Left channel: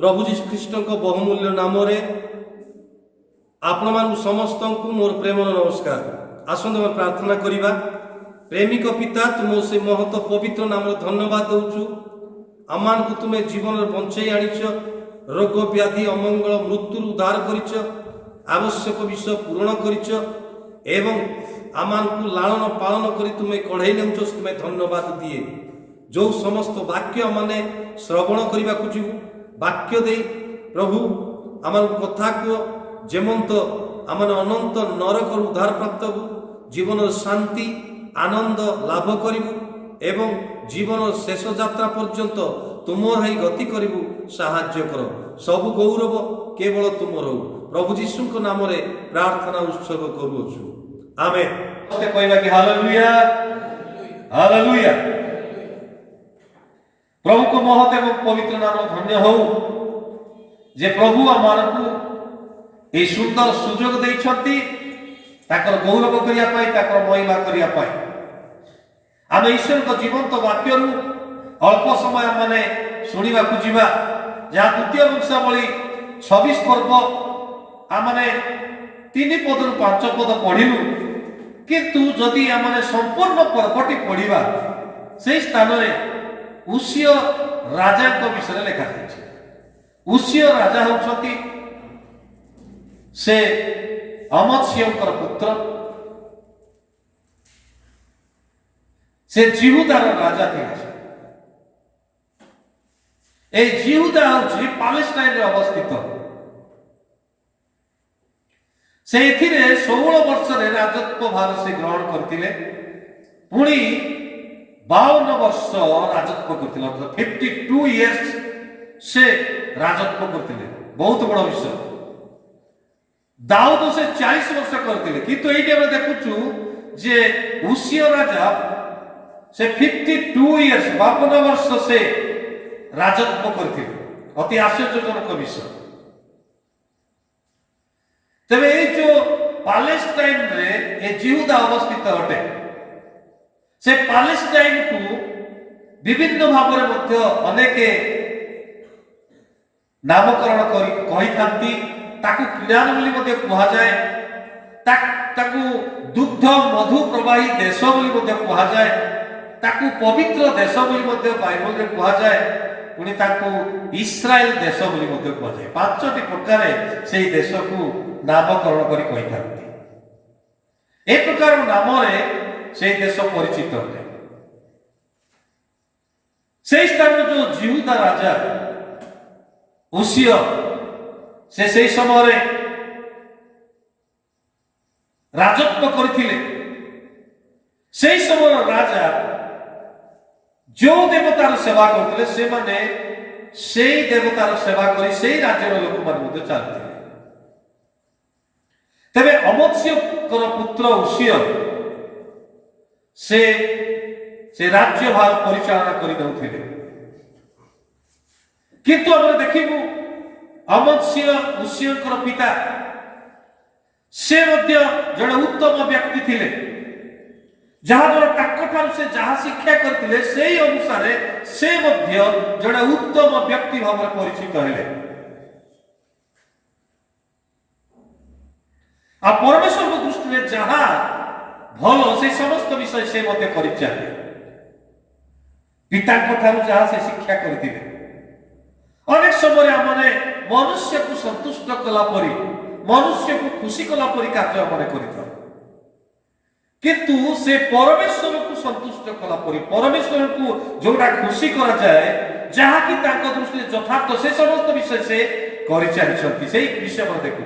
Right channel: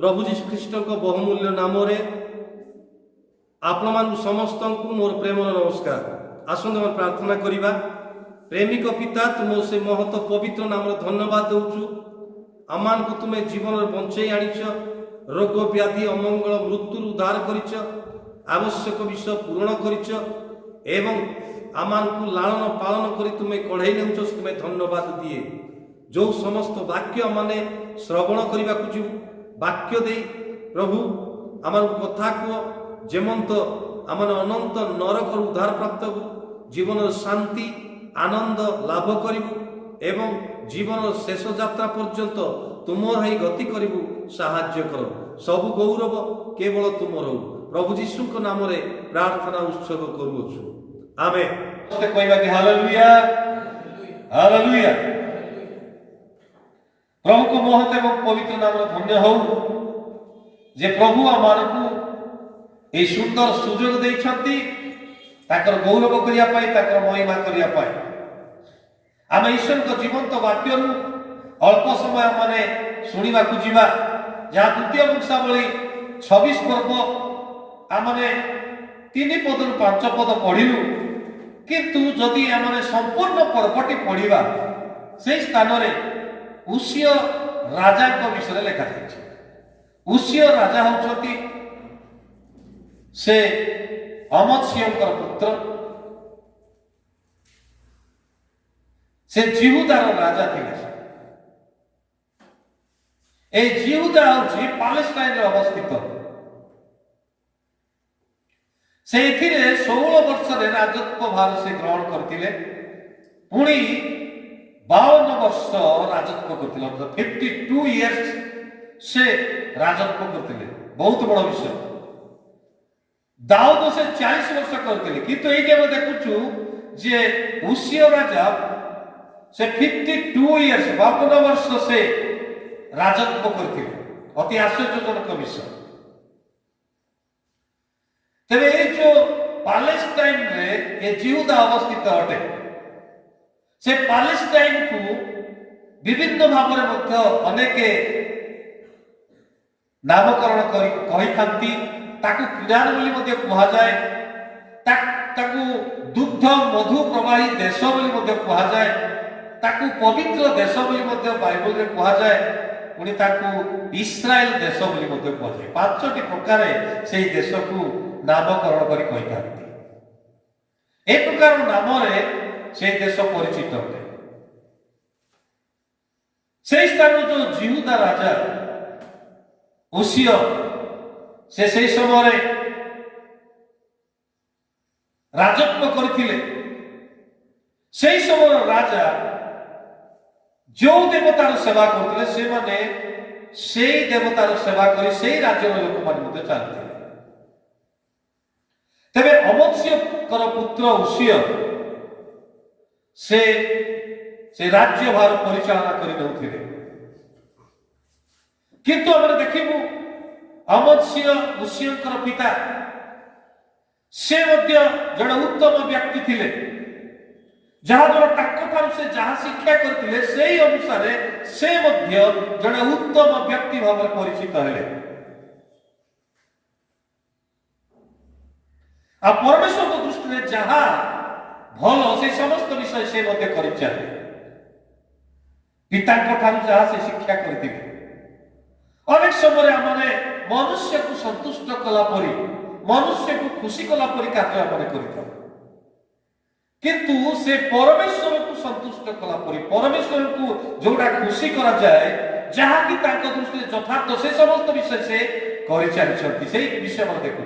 प्रभु जीशु ख्रीष्ट बहुमूल्य नाम आपण मान समस्त को मोर प्रेम नमस्कार। आसंत प्रार्थना करिबा। प्रेमिक पिता तुम से महत पवित्र नाम धन्यवाद दउचु। आमान को तुम्हें जीवन बंचई आनिच, रोग व्याधि अमंगल मृत्यु उद्धार करिच, आवश्यक विषय पूरण करिच एवं आमान को लालन पालन करी तुम्हें कढ़ई नेउच, तुम्हें धन्यवाद दिए। जो समस्त वाक्य माने श्रवण करने को जीव वाक्य दे प्रभु आम कथा को जेमंत आम अनंत नरक उद्धार प्राप्त हो, जीवन शांति आनंद लाभ करूँ एवं जीवन शेष यात्रा पर्यंत तुम ही गति करूँ साहाय्य कर। सब गौरव केवल तुमर हो। प्रभु जीशु नाम प्रार्थना उत्सव करुछु। आमेन। कहवा कि हालेलुया हालेलुया। प्रभु को महत एवं पवित्र नाम धन्य हो जे प्रभु आमको ये सुंदर सुजोग देइछंती ताकर गौरव करिया पाई, ताकर महिमा करिया पाई। आम ईश्वर को जीवंत वाक्य अल्प समय माने शुणा जीवा, जहाँ द्वितीय वंशावली 26 पर्व आमने 3 पद रु 5 पद पढ़िलु, किंतु जदि आमने संपूर्ण पर्वटी पढ़िबा से स्थान में उसिय राजा विषय लिखा जाए। उसिय राजा होती से अमत्स्यंकर पुत्र, से जिहुदार राजा थे। ए जिहुदा हूँ पालेस्टाइन अवस्थित। से 16 वर्ष राजत्व भार से ग्रहण करते, पुणी 52 वर्ष राजत्व करते, 52 इयर्स से राजत्व करते। बहुत बड़ विषय। दाऊद से 40 वर्ष करते, किंतु ये देखुचु जे उसिय राजा से 52 इयर्स 52 वर्ष से राजत्व करते। अति आश्चर्यजनक विषय। तेरे ये जो पालेस्टाइन रे ये जिहुदा अवस्थित अटे, से पालेस्टाइन को विभिन्न भाव में अनेक नामकरण कही ताकू क्लियान बोली कहुए, ताकू दुग्ध मधु प्रवाही देश बोली कहुए, ताकू पवित्र देश बोली बाइबल में कहुए, पुणी ताकू इस्राएल देश बोली कहुए। 5टी प्रकार से देश को नामकरण करी एक प्रकार नाम से देश परिचित है। से स्थान जो जिहुदा राजा उसिय से समय राजत्व करथिले। से समय राजा जो देवतार सेवा करथिले से माने से देवतार सेवा करी से राज्यर लोक मान चलते। तेरे अमत्स्यकर पुत्र उसिय से राज्य भार परिचालना कर, किंतु आम देखू अमत्स्य उसियंकर पिता से जड़े उत्तम व्यक्ति थिले, जहाँ द्वारा से जहाँ शिक्षा करते से अनुसार से जड़े उत्तम व्यक्ति भाव परिचित हेले। आ परमेश्वर दृष्टि में जहाँ भल से समस्त विषय से कर पिता जहाँ से शिक्षा करते। अनेक समय आमने मनुष्य को संतुष्ट कलापरी, मनुष्य को खुशी कलापरी कार्य आमने कर, किंतु से परमेश्वर को संतुष्ट कलापरी, परमेश्वर को जोड़ा खुशी करा जाए, जहाँ की दृष्टि यथार्थ से समस्त विषय से कर विषय मैं देखु।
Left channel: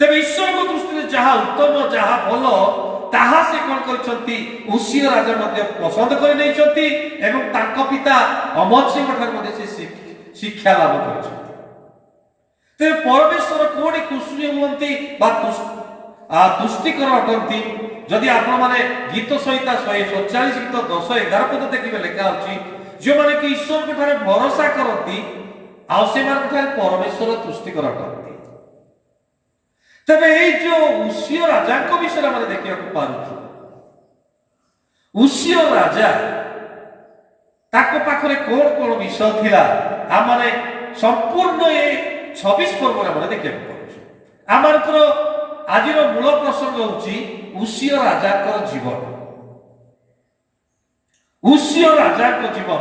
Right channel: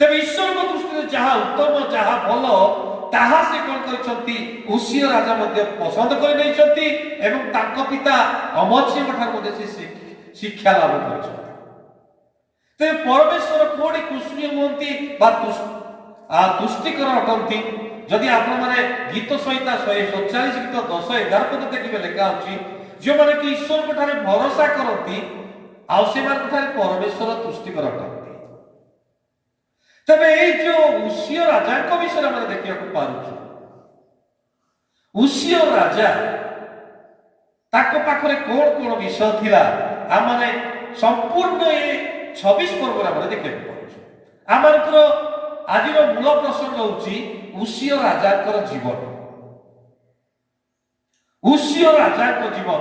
तेज ईश्वर को दृष्टि जहाँ उत्तम जहाँ भल ताहा से कौन करछंती उसिय राजा मध्य पसंद कर नहीं एवं तांको पिता अमत्स्य ठार से शिक्षा लाभ कर। तेज परमेश्वर कोड़ी खुशी हुंती तुष्टिकर अटंती। जदि आपण माने गीत संहिता 147 गीत 10-11 पद देखिए लिखा होची, जो माने कि ईश्वर ठारे भरोसा करती आ से मान ठारे परमेश्वर तुष्टिकर अटंती। तबे ये जो उसिय राजा को विषय में देखा पार्छ, उसिय राजा ताको पाखरे कोण कोण विषय थिला आमाने संपूर्ण ये 26 पर्व आम देखिए आमर आज मूल प्रसंग होची उसिय राजा जीवन उसिय राजा जीवन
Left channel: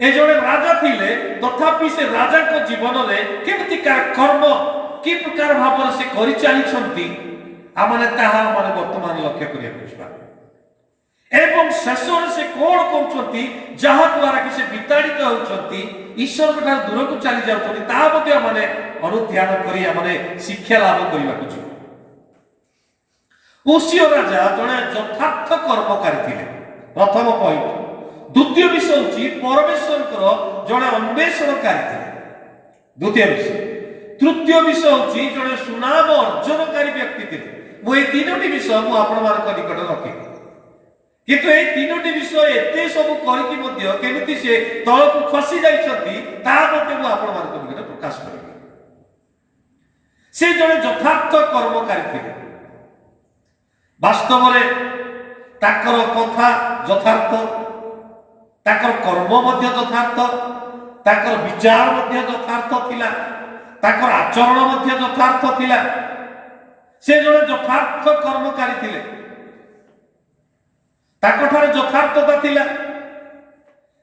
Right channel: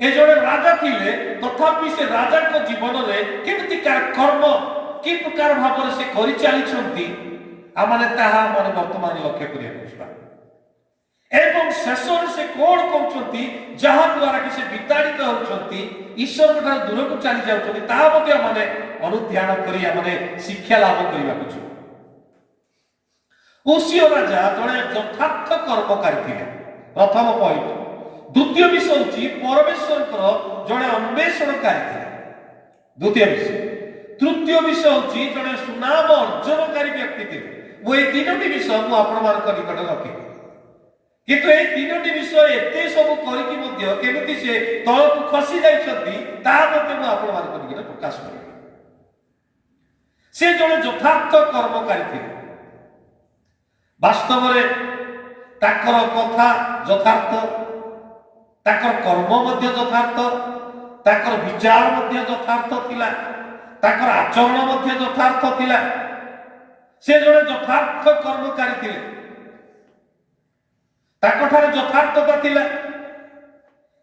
ए जड़े राजा थिले तथापि से राजा जीवन में केमती कर्म कि प्रकार भाव से करि चली आमने ताहा माने वर्तमान लक्ष्य करिया एवं शेष से कौन कहते जहाँ द्वारा कि से विताड़ित होती ईश्वर ठार दूर को चली जाते माने अनुध्यान करी माने शिक्षा लाभ करने को उसिय राजा जड़े यथार्थ कर्मकारी थे प्रथम पॉइंट द्वितीय विषय हूँ परमेश्वर जड़े अन्वेषणकारी थे द्वितीय विषय तृतीय विषय हूँ जड़े सुनाम अर्जनकारी व्यक्ति थे वो तीनोटी विषय मुझे निकट रखे किंतु ये तीनोटी विषय एते सब करके से तल को खसी जाइछंती प्रकाश करें से जड़े यथार्थ कर्मकारी थे वास्तव में ताकर कथा यथार्थ ताकर कर्म मध्य यथार्थ ताकर विचार मध्य यथार्थ थिला ताकर आचरण मध्य यथार्थ थिला से जड़े यथार्थ कर्मकारी थिले ताकठार यथार्थता थिला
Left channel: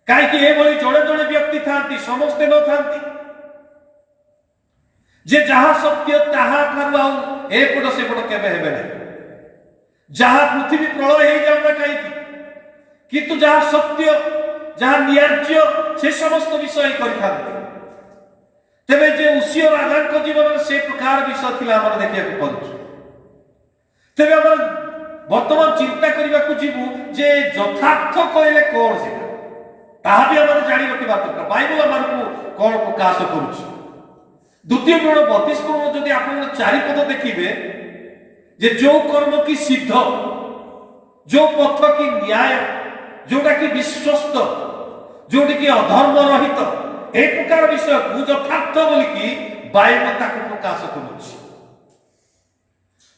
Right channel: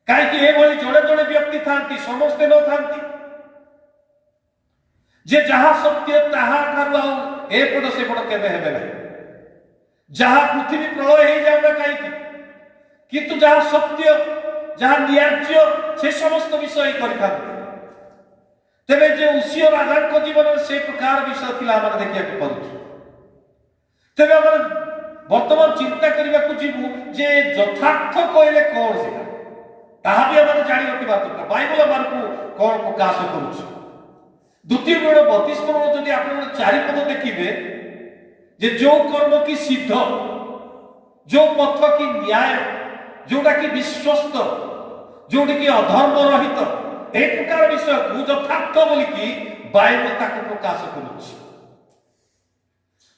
कहीं जड़े जड़े व्यक्ति था समस्ते न था जे जहा सत्य ताहा ठारू एपट सेपट केबे हेबे ना जहा पृथ्वी प्रलय हो जाऊना कहीं किंतु जहा सत्य जहा न्याय्य से समस्त विषय कर तेरे जे उसिय राजा जीवन में से प्रकार विषय थिला हम देखिया पड़ुछ तेरे वर्तमान चिंता करने को जीवु जे यथार्थ कहले कौन से ताहा भी हमारे जानी रखा दरकार बाइबल हमको कौन प्रकाश करुछ द्वितीय गुण 32 गुण जदि आप चारिपद देखिए जे जो कर्म की सिद्ध जो पथ की न्याय जोटा कि विश्वस्त जोटा कि अधर्म रहित एक प्रकार विषय को यथार्थ बोलिकी बाइबल ताको प्रकाश करुछ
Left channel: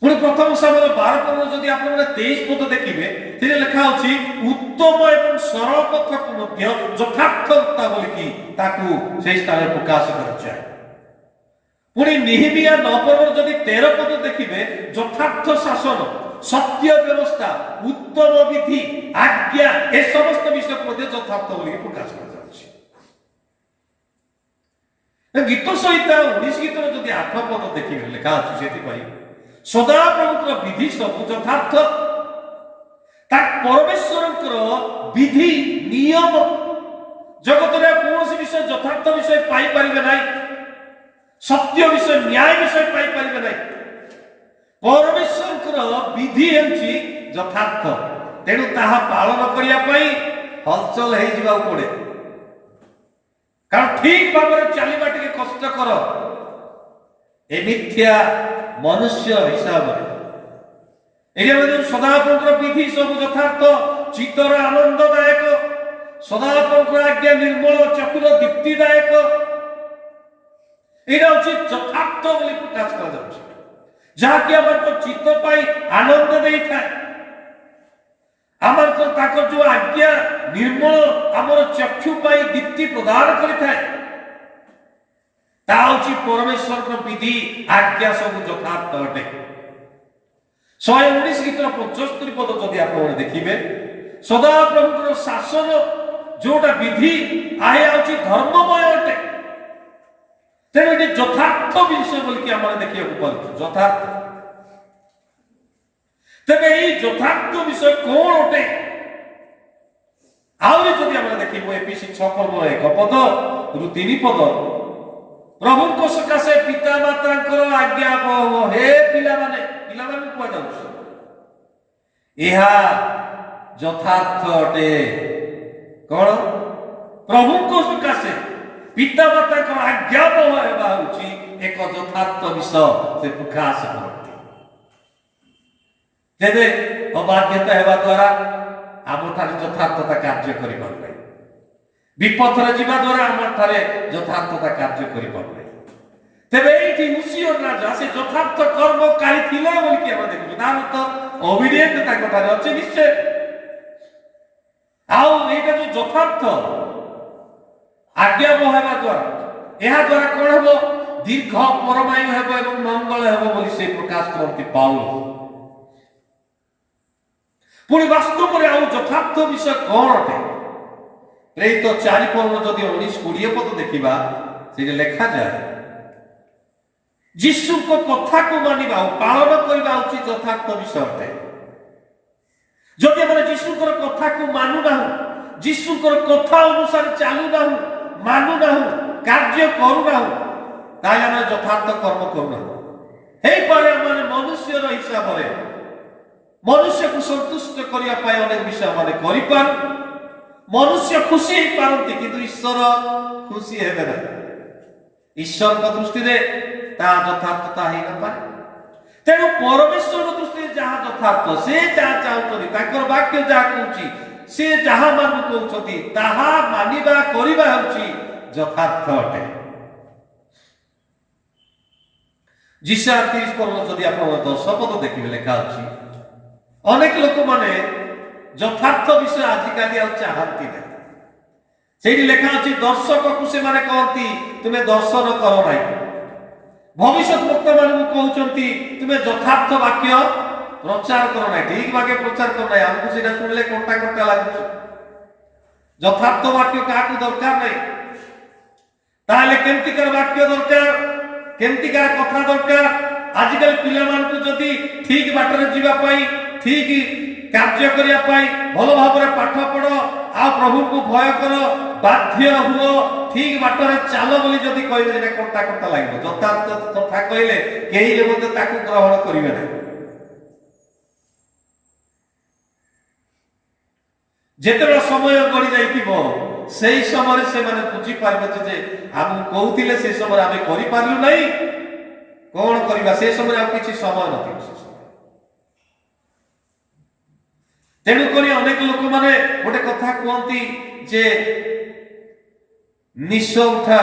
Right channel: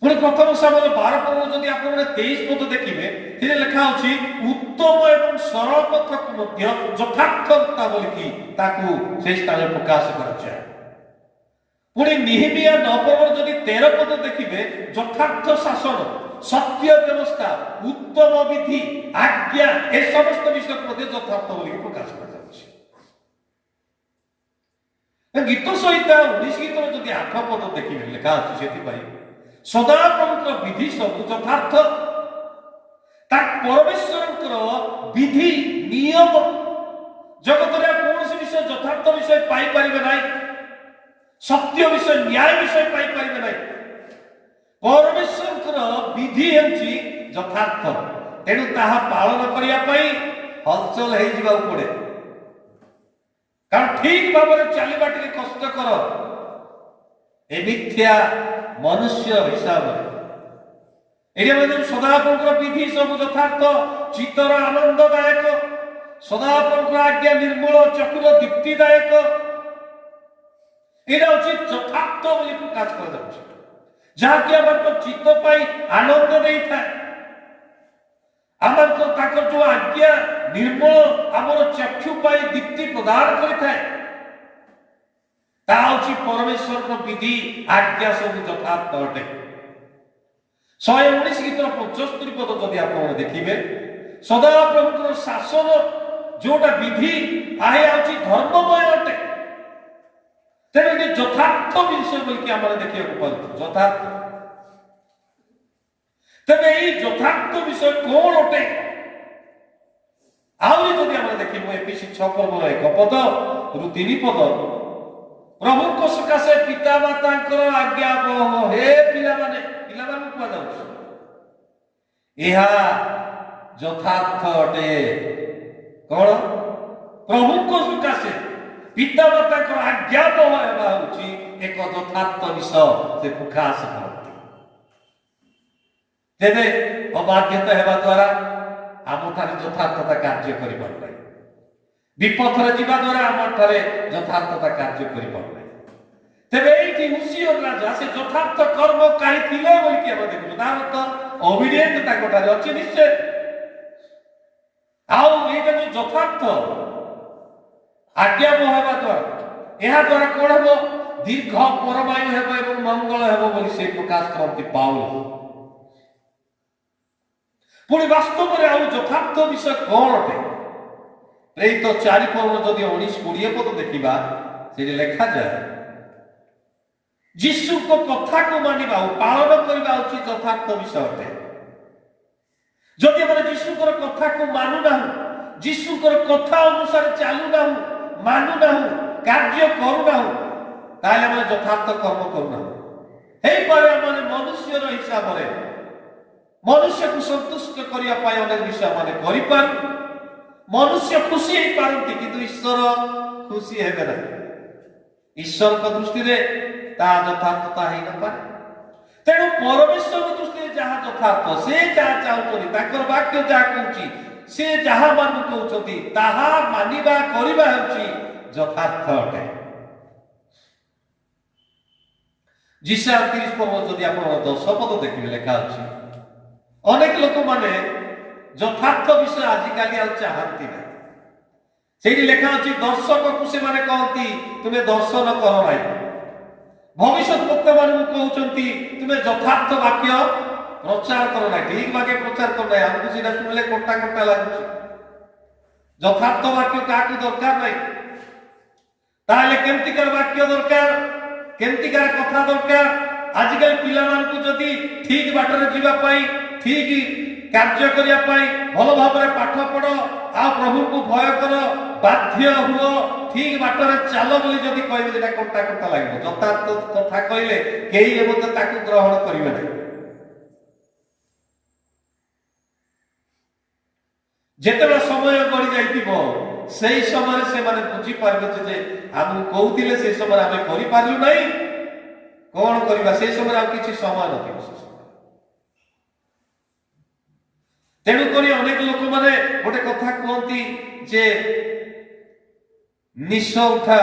पुणी प्रथम समय 12 पद जदि आप 23 पद देखिए लिखा अच्छी उत्तम एवं सरल पथ को यथार्थता बोलिकी से स्थान प्रकाश कर पुणी निहिमिया 9 पद जदि 13 पद देखिए यथार्थ शासन सत्य व्यवस्था उत्तम विधि आज्ञा ए समस्त विषय को यथार्थ बोलिकी प्रकाश कर गीत सहित 19 गीत जदि 8 पद देखिए लिखा अच्छी से सदा प्रभुर विधि सब यथार्थ परमेश्वर विधि नियम जगत कौन विषय यथार्थ विषय पारे ना सत्य विषय न्याय विषय पारे ना परमेश्वर विधि यथार्थ तेणु ताहा पालन करने हलचल हो पड़े कारण ठीक भाव में चलवा टे कष्टकर ए मिथ्या मनुष्य हिसाब सदाप्रभुर विधि सब यथार्थ चित्तर आनंददायक सदाप्रभुर आज्ञा निर्मल चतुर दीप्तिदायक यहाँ हूँ यथार्थ प्रकाश कर जहाँकि आम चित्त आनंद दे था आम जो आज्ञा निर्मल आमर चक्षु दीप्ति प्रदान करें परमेश्वर विधि आज्ञा सब यथार्थ अटे 119 गीतर 75 पद जदि आप देखिए सदा प्रभुर शासन जोटा विधि आहे आउची धर्ममय अटे तेरे यथार्थ विषय बोलिकी आम देखा पड़े यथार्थ तेरे यथार्थ विषय कौन अटे आहरी जदि आम देखिए एपीसी 6 पर्व 1 पद रु 3 पद प्रभु को सकाशे पिता माता आज्ञा हे पिला माने कह यथार्थ अटे कौन प्रभु को सकाशे पिता माता आज्ञा एक यथार्थ विषय से प्रकाश करती तेरे अबाध्यता हेबा द्वारा आम ठारे यथार्थता कार्य कर विपथर जीवा द्वारा आम ठारे यथार्थता कार्य कर तेरे ये उसिय राजा से यथार्थ कर्मकारी थिला बोलिकी हम देखु तार तो ओबिडिएंट अच्छे निश्चय ଆଉ ଏଇଟା ଯୋଉ ଯଥାର୍ଥ ଆଜ୍ଞାବହ ହେବା ଦ୍ୱାରା ଏହା ଦ୍ୱାରା କଣ ହେବ? ଦୀର୍ଘ ପରମାୟୁ ହେବ ଏବଂ ମଙ୍ଗଳ ହେବ ବୋଲି ସେ ପ୍ରକାଶ କରନ୍ତି ପାଉଲ। ପୁଣି ବାସ୍ତବରେ ଆଉ ଯଥାର୍ଥ ବିଷୟ କଣ ଅଟେ? ପ୍ରେରିତ 4 ପର୍ବ ଯଦି 19-20 ପଦ ଦେଖିବା, ସେଠି ଲେଖାଯାଏ ଯୀଶୁଙ୍କ କଥାକୁ ମାନିବା ଓ ପାଳନ କରିବା ହେଉଛି ଯଥାର୍ଥ ବିଷୟ ଅଟେ। ଯଦି ଆମେ ଯୀଶୁଙ୍କର କଥାକୁ ମାନୁନାହୁଁ, ଯୀଶୁଙ୍କର କଥା ଅନୁସାରେ ଚାଲୁନାହୁଁ, ମାନୁନାହୁଁ, କାର୍ଯ୍ୟ କରୁନାହୁଁ, ତାହେଲେ ଆମେ ଯଥାର୍ଥ କର୍ମ କରୁନାହୁଁ। ହେଇପାରେ ଆମେ ମନୁଷ୍ୟର ହିସାବରେ ମନୁଷ୍ୟକୁ ସନ୍ତୁଷ୍ଟ କରିବା ପାଇଁ ଅନେକ ବିଷୟ ଆମେ କରିପାରୁ, ମନୁଷ୍ୟ ଖୁସି ହେଇପାରନ୍ତି, କିନ୍ତୁ ଈଶ୍ୱର ଖୁସି ହେବେ ନାହିଁ। ଈଶ୍ୱରଙ୍କ ଦୃଷ୍ଟିରେ ତାହା ଯଥାର୍ଥତା ହେଇନପାରେ। ତେଣୁ ପରମେଶ୍ୱରଙ୍କ ଦୃଷ୍ଟିରେ ଯାହା ଯଥାର୍ଥ, ସେ ଯାହା ଚାହୁଁଛନ୍ତି, ତାଙ୍କର ବାକ୍ୟ ଯାହା କହୁଛି, ସେ ଯାହା ମାନଙ୍କୁ କହୁଛନ୍ତି, ତାହା ମାନିବା କରିବା ହେଉଛି ଯଥାର୍ଥ ଅଟେ। ଯିଶାୟା 30 ପର୍ବ ଯଦି ଆପଣ 10 ପଦ ଦେଖିବେ, ଲେଖା ଅଛି ଅନେକ ଲୋକମାନେ ଯଥାର୍ଥ ବିଷୟ ଆଜିକାଲି ଆଉ ଚାହାନ୍ତି ନାହିଁ। ସେଇଠି ଲେଖା ଅଛି ଦର୍ଶକକୁ ସେମାନେ କହନ୍ତି ତୁମେ ଦର୍ଶନ କର ନାହିଁ। ଭବିଷ୍ୟତ ବକ୍ତା ମାନଙ୍କୁ କହୁଛନ୍ତି ତୁମେ ଯଥାର୍ଥ ବାକ୍ୟ ପ୍ରଚାର କର ନାହିଁ, ଠିକ ବାକ୍ୟ ପ୍ରଚାର କର ନାହିଁ। ଆମକୁ ସେଇଟା ଶୁଣିଲେ କଣ୍ଟା କଣ୍ଟା ଲାଗୁଛି। ଯଥାର୍ଥ ବାକ୍ୟ କାହାକୁ ଦରକାର ନାହିଁ। ତାହେଲେ କେମିତିକାର ବାକ୍ୟ ଦରକାର, କେମିତିକାର କଥା ଦରକାର? ଆଜିକାଲି ପିଲାମାନଙ୍କୁ ଯଦି ଠିକ ବାଟରେ ଯିବା ପାଇଁ, ଠିକ କାର୍ଯ୍ୟ କରିବା ପାଇଁ, ଭଲ ଭାବରେ ପାଠ ପଢ, ଆଉ ପ୍ରଭୁଙ୍କୁ ଭୟ କର, ବାଧ୍ୟ ହୁଅ, ଠିକ ବାଟରେ ଚାଲ ବୋଲି ଯଦି କହିବେ, ସେଟା କଣ୍ଟା କଣ୍ଟା ଲାଗିବ। ଯଥାର୍ଥ କଥା କହିଲେ କେହି ମଧ୍ୟ ତାକୁ ଗ୍ରହଣ କରିବେ ନାହିଁ। ଯେତେବେଳେ ସମୟ ଗଡ଼ି ଯାଇଥିବ, ସେଇ ସମୟରେ ସେମାନେ ବୁଝିପାରିବେ ଯେ ଆମକୁ କହୁଥିଲେ, ସେ ସମୟରେ ଆମେ କରିପାରିଲୁ ନାହିଁ, କଣ କରିବା? ସେ ସମୟରେ ଆଉ କିଛି ସମୟ ନଥିବ। ତେଣୁକରି ଅନେକ ଲୋକମାନେ ଗୋଟେ କଥା କୁହନ୍ତି ଯେ ନିଶ ଉଠା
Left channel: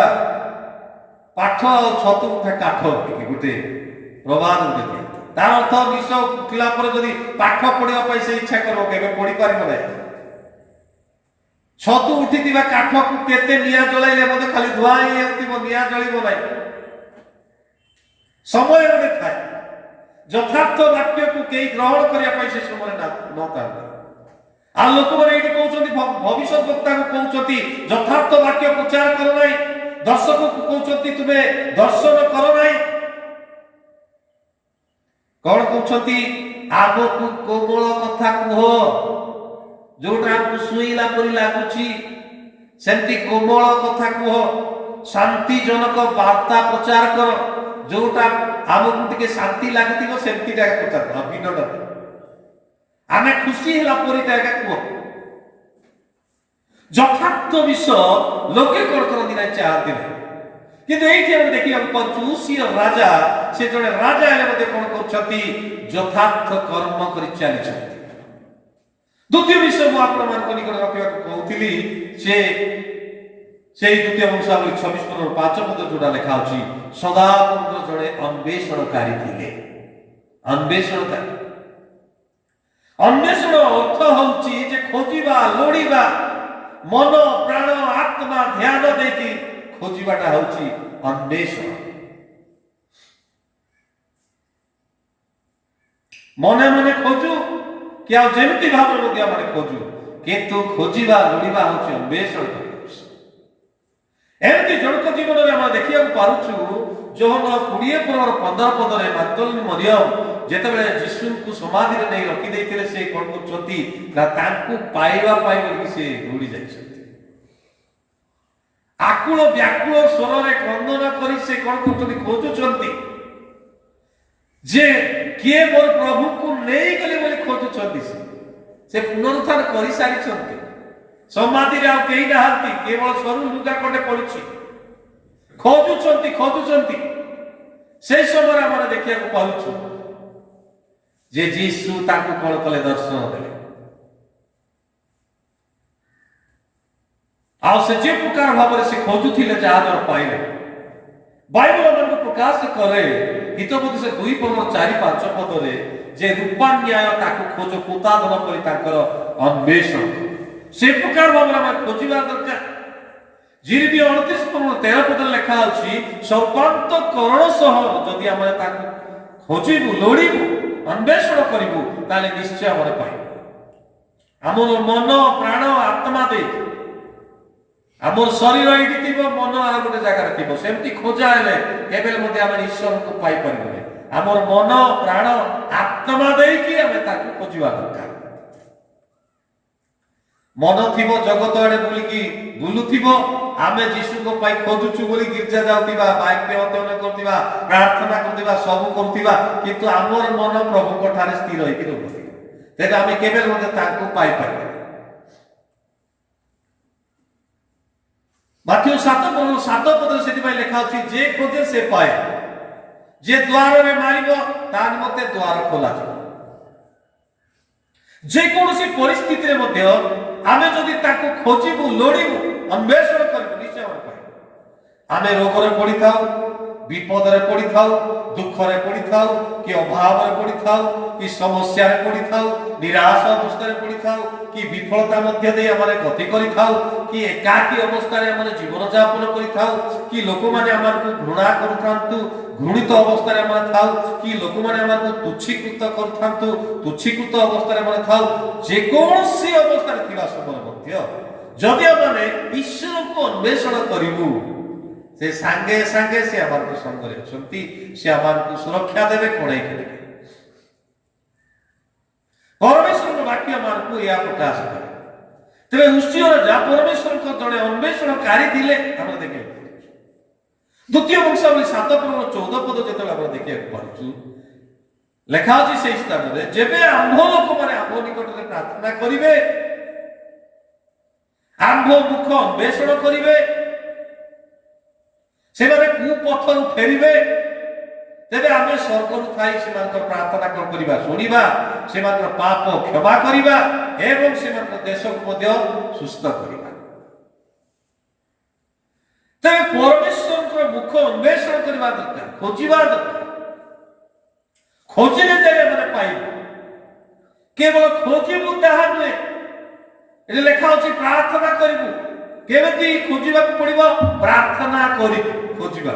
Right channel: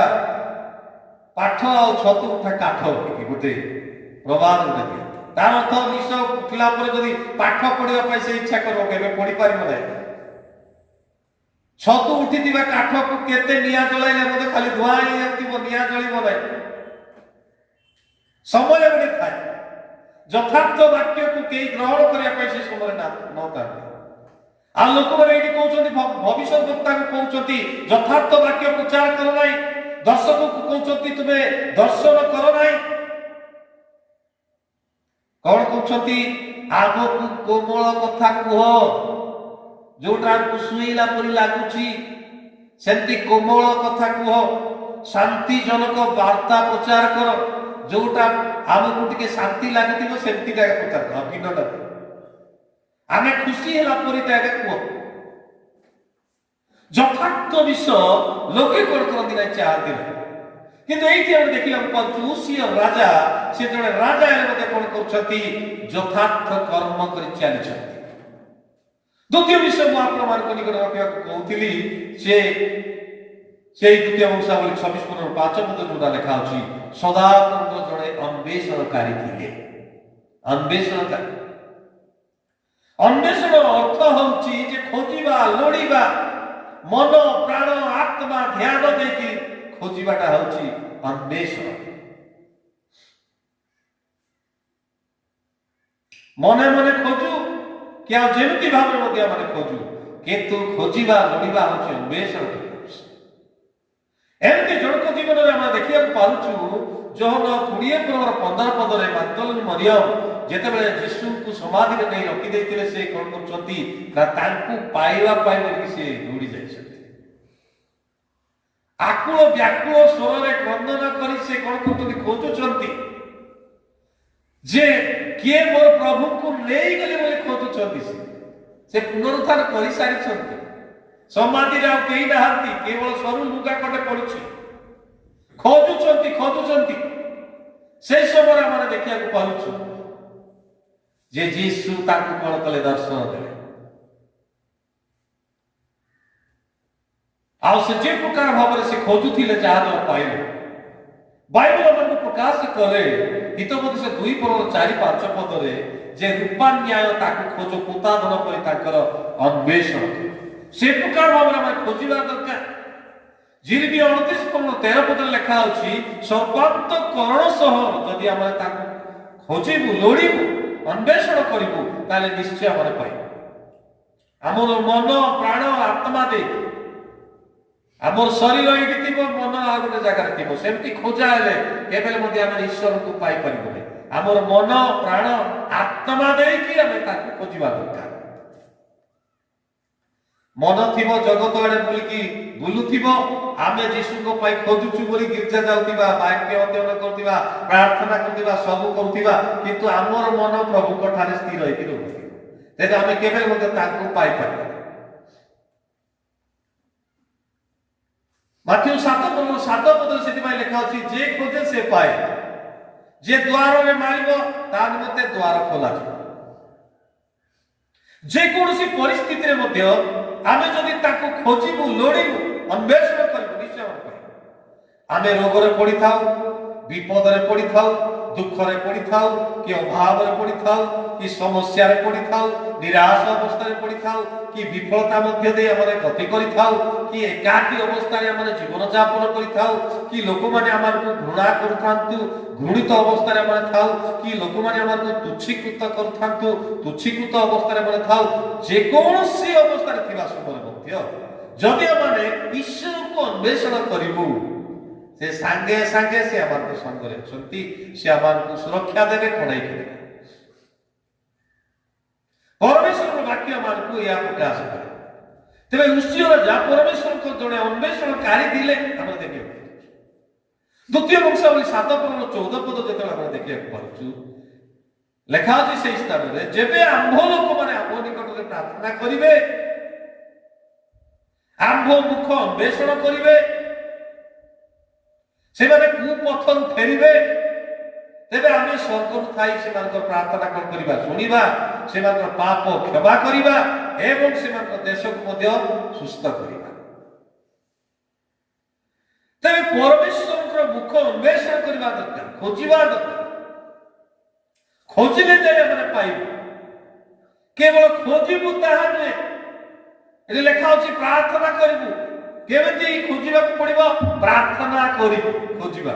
ପାଠ ଆଉ ଛତୁ ଉଠା କାଠ, ଗୋଟେ ପ୍ରବାଦ ଗୋଟେ। ତାର ଅର୍ଥ ନିଶ ଉଠିଲା ପରେ ଯଦି ପାଠ ପଢିବା ପାଇଁ ସେ ଇଚ୍ଛା କରିବ, କେବେ ପଢିପାରିବ ନାହିଁ। ଛତୁ ଉଠିଥିବା କାଠକୁ କେତେ ନିଆଁ ଜଳାଇଲେ ମଧ୍ୟ ଖାଲି ଧୂଆଁ ହେଇଯାଉଥିବ, ନିଆଁ ଜଳିବ ନାହିଁ। ସମୟ ଗୋଟେ ଥାଏ, ଯଥାର୍ଥ ବାକ୍ୟକୁ କେହି ଗ୍ରହଣ କରିବା ପାଇଁ ସେ ସମୟରେ ନଥାନ୍ତି। ଆଉ ଲୋକମାନେ ଏଇଠି କହୁଛନ୍ତି, ଭବିଷ୍ୟତ ବକ୍ତାକୁ କହୁଛନ୍ତି ଯଥାର୍ଥ ବାକ୍ୟ ପ୍ରଚାର କର ନାହିଁ, ଦର୍ଶକକୁ କହୁଛନ୍ତି ତୁମେ ଦର୍ଶନ କର ନାହିଁ। କଣ କହୁଛନ୍ତି? ଆଗକୁ କୋମଳ କଥା କୁହ, ଯୋଉଟା ଆମକୁ ଶୁଣିଲା ପରି ଲାଗୁଛି ସେମିତି କୋମଳ କଥା କୁହ। ଶାନ୍ତିଜନକ ବାର୍ତ୍ତା ପ୍ରଚାର କର, ଯୋଉଟା ଆମକୁ ଟିକେ ଶାନ୍ତି ଲାଗୁଥିବ ସେମିତି ପ୍ରଚାର କର। ବିନୋଦ ଆମେ ଖୁସି ହେଲା ପରି କୁହ। ଯଥାର୍ଥ ବିଷୟ ଲୋକେ କଣ କରନ୍ତି ନା, ଚାହାନ୍ତି ନାହିଁ। କିନ୍ତୁ ଏଇଠି ଆମେ ଦେଖିବାକୁ ପାଉଛୁ ଉସିୟ ରାଜା, ସେ ଜଣେ ରାଜା ହେଲେ ମଧ୍ୟ କଣ କରୁଛନ୍ତି? ଯଥାର୍ଥ କର୍ମ କରି ଚାଲିଛନ୍ତି। ଦ୍ୱିତୀୟ ବିଷୟ ମୁଁ ଆପଣମାନଙ୍କ ନିକଟରେ ରଖିବାକୁ କହୁଥିଲି, ସେଇ ଦ୍ୱିତୀୟ ବଂଶାବଳୀ 26:5 ଯୋଉଟା ଲେଖା ଅଛି, ସଦାପ୍ରଭୁ ଜଣେ ଅନ୍ୱେଷଣକାରୀ ଥିଲେ। ଅନ୍ୱେଷଣକାରୀ, ଅନ୍ୱେଷଣ ଅର୍ଥ ହଉଛି ଯେ ଖୋଜିବା, ଲୋଡ଼ିବା, ମନ ପ୍ରାଣ ଆତ୍ମା ଧ୍ୟାନ ଦେଇକି ଖୋଜିବାଟା ହଉଛି ଅନ୍ୱେଷଣ। ମନେ ମନେ ଖୋଜୁ କି ଆଉ ଯେମିତି ଭାବରେ ମଧ୍ୟ ଆମେ ଖୋଜୁ, କିନ୍ତୁ ଖୋଜିବା ଲୋଡ଼ିବା ହଉଛି ଅନ୍ୱେଷଣ। ଏମିତି ଜଣଙ୍କ ଜୀବନରେ ଆମେ ଦେଖିବାକୁ ପାରୁଛୁ, ଯୋହନ 20:15 ପଦରେ ମାଗ୍ଦଲିନୀ ମରିୟମ ଯେତେବେଳେ ଯୀଶୁଙ୍କୁ ସମାଧିରେ ନେଇ ରଖିଦେଇଥିଲେ, ସେ କଣ କରୁଛନ୍ତି ନା ତାଙ୍କୁ ପାଇବା ପାଇଁ ବୋଲି ସେ ଦୌଡ଼ି ଯାଇଛନ୍ତି। ଆକୁଳ ବ୍ୟାକୁଳ ସ୍ୱରରେ କ୍ରନ୍ଦନ କରି ସେ କଣ କରୁଛନ୍ତି? ଖୋଜୁଛନ୍ତି ଯେ କିଏ ମୋର ପ୍ରଭୁଙ୍କୁ ନେଇଗଲେ ବୋଲି ଖୋଜୁଛନ୍ତି। ସେ ପୁନରୁତ୍ଥାନ କରିସାରିଛନ୍ତି, ସମାଧିରେ ଆଉ କେହି ନାହାନ୍ତି, କେବଳ ସରୁ ଲୁଗା ଖଣ୍ଡେ ପଡୁଛି। ଖୋଜୁଛନ୍ତି। ସେଇ ସମୟରେ ଆମେ ଦେଖିବାକୁ ପାଉଛୁ ଯେ ଯୀଶୁ ତାଙ୍କୁ କଣ କଲେ? ଦର୍ଶନ ଦେଲେ। ଆଉ ସେ ଯେ ପ୍ରକାର ଭାବରେ ସେ ଖୋଜୁଥିଲେ, ଯାହା ଦ୍ୱାରା ପାଇଲେ। ବାଇବଲ ଆମକୁ ପ୍ରକାଶ କରେ ହିତୋପଦେଶ 2:4-5 ପଦରେ ଯେ ରୂପା ନ୍ୟାୟ ତାକୁ ଖୋଜ, ପୋତାଧନ କରି ତାଙ୍କର ଅନ୍ୱେଷଣ। से प्रकार भाव आम खोजा दरकार। जिरमी 38:13 लेखा अच्छी सर्वांत करण सह जदि आम खोजू लोड़ू अन्वेषण करूँ ताले निश्चय आम पाइबू। आमर मन प्राण आत्मा दे आमर शरीर ये थी मन आ गोटे जगार थी सेमती खोजा हेले आम ईश्वर को पाई पारे। आमर मन प्राण आत्मा देकी आम खोजा दरकार। मन थी जगत आड़े बुलिकी बुलुथिबो आमे जीशु को पाई खोजुछु बोली गिरजा जाउतिबा वाक्य अध्ययन करतिबा प्रार्थना करतिबा सब करतिबा किंतु आमर मन प्रभु को ठारे स्थिर होई रहबो तेज आमे केबे मते ताकू पाई पारे। माथ्यू 7:7 सेति पाई लिखा अछि जे खोजे से पाए जे द्वार रे मारिबो ता निमते द्वार खोला जे कोनोसी परिस्थिति रे मध्य आमे जदि ताकू खोजिबु लोड़िबु अन्वेषण करिबु निश्चय पाइबु। आमे रोग रे पड़ी थाउ विपद रे पड़ी थाउ दुख रे पड़ी थाउ कि अभाव रे पड़ी थाउ कि समस्या रे पड़ी थाउ निराश अवस्था रे पड़ी थाउ कि विफलता मध्य दे हमरे गति करि थाउ कि एकाकी अवस्था रे हमरे जीवन यापन करि थाउ कि लोक माने हमर को घृणा करथांतु घृणित अवस्था रे हमरे थाउ कि लोक माने हमर को तुच्छीकृत करथांतु तुच्छीकृत अवस्था रे हमरे थाउ जे कोनसी अवस्था रे थिबा समय मध्य जदि हमने ईश्वर को अन्वेषण करिबु से सांगे सांगे से हमर को संग रे छंती से हमर को सुरक्षा देबे कोणाई देबे। परमेश्वर वाक्य हमर को या प्रकाश करे तबे उष्टियर जा परमेश्वर को जड़े अन्वेषणकारी दिले हम देखे। द्वितीय वंशावली 7:14 जेतले हम देखिया पाछु लेखा अछि से स्थान रे जेबे आंभ लोक माने आंभ निकट रे प्रार्थना करिवे आंभ मुख अन्वेषण करिवे से माने कुपथरु फेरिवे तेबे आमे स्वर्गरु थाई सेमानकर प्रार्थना कोन करिबा सुनिबा सेमानकर पाप क्षमा करिबा एवं सेमानकर देश को मध्य सुस्थ करिबा। ते परमेश्वरकर मुख अन्वेषण करिबा दरकार खोजिबा दरकार खोजिले जे माने पाइबो केवल खोजिबु ताहा नुहे एले लेखा अछि प्रार्थना करिबु केमति खोजिबा को पड़िबो प्रार्थना करि खोजिबा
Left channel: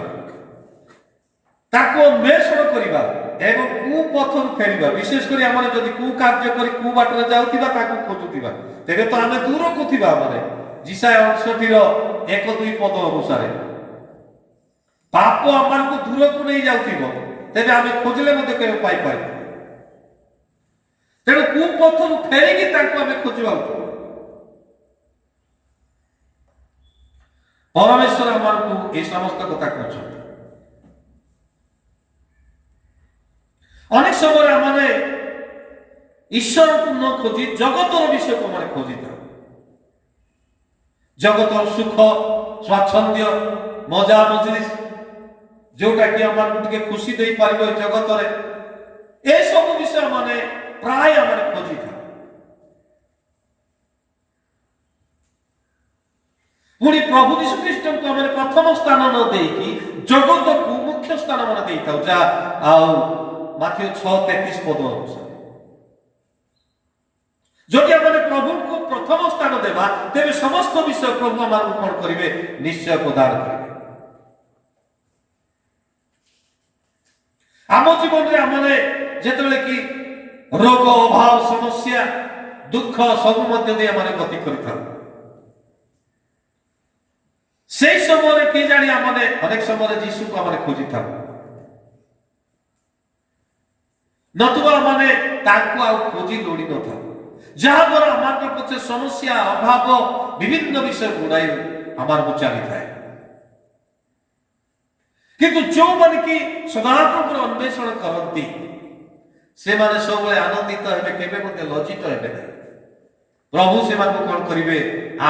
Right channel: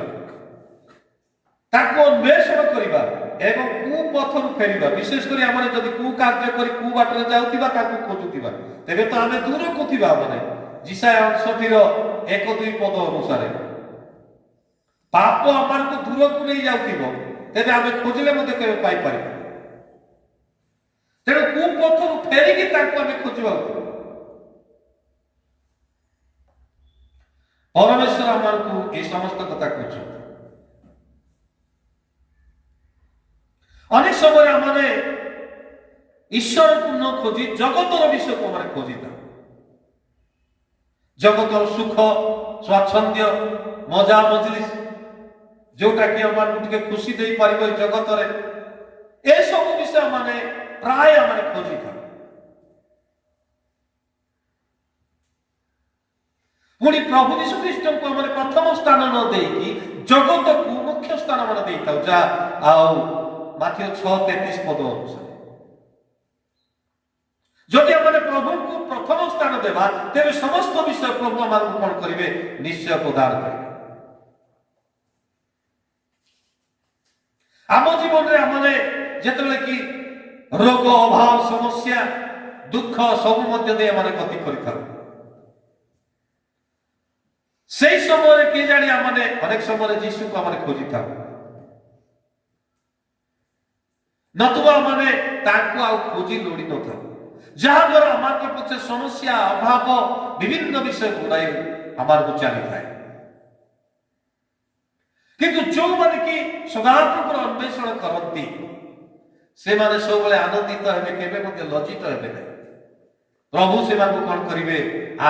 ताको अन्वेषण करिबा एवं कुपथरु फेरिबा विशेष करी हमरे जदि कु कार्य करी कु बाटरे जाउतिबा ताको खोजुतिबा तेबे तो आमे दूर कोथिबा माने जिसाय 68 रो 1-2 पद अनुसार पाप हमर को दूर को नै जाउतिबो तेबे आमे खोजले मते केबे पाई पाइ तेणु कुपथरु फेरिकी ताको आमे खोजिबा परमेश्वर हमर को ए समस्त कथा कहछ। अनेक समय हमने ईश्वर को न खोजी जगतर विषय को हमारे खोजी था जगतर सुख स्वाच्छंद्य मजा मजलिस जोटा कि हमर के खुशी दे पारिबो जगत रे ए सब विषय माने प्राय हमरे खोजी था। पुणी प्रभु यीशु ख्रीष्ट को हमरे प्रथम स्थान न देकी जगत को मुख्य स्थान माने देइता जा आउ माथ्यू 6:33 पद अनुसार जदि हमने प्रभु को प्रथम स्थान देबा तेबे समस्त विषय प्रभु हमर को कोन करिवे निश्चय प्रदान करिवे। आम जीवन रे हमने जेतले कि रोग अभाव समस्या दुख सब मध्य दे हमने गति करिथा से समय के जानी हमने अनेक समय यीशु को हमने खोजी था नतुवा माने ताको आ खोजी लोड़ी न था जहां पर हमारे पछे समस्या अभाव विभिन्न विषय गुड़ाई हमार को चली थाए किंतु जो मन की सदाप्रभु अन्वेषण करती से माने सब बळे आनंदित हेबे केबे मते लज्जित हेबे नहीं प्रभु से मान को कोन करिवे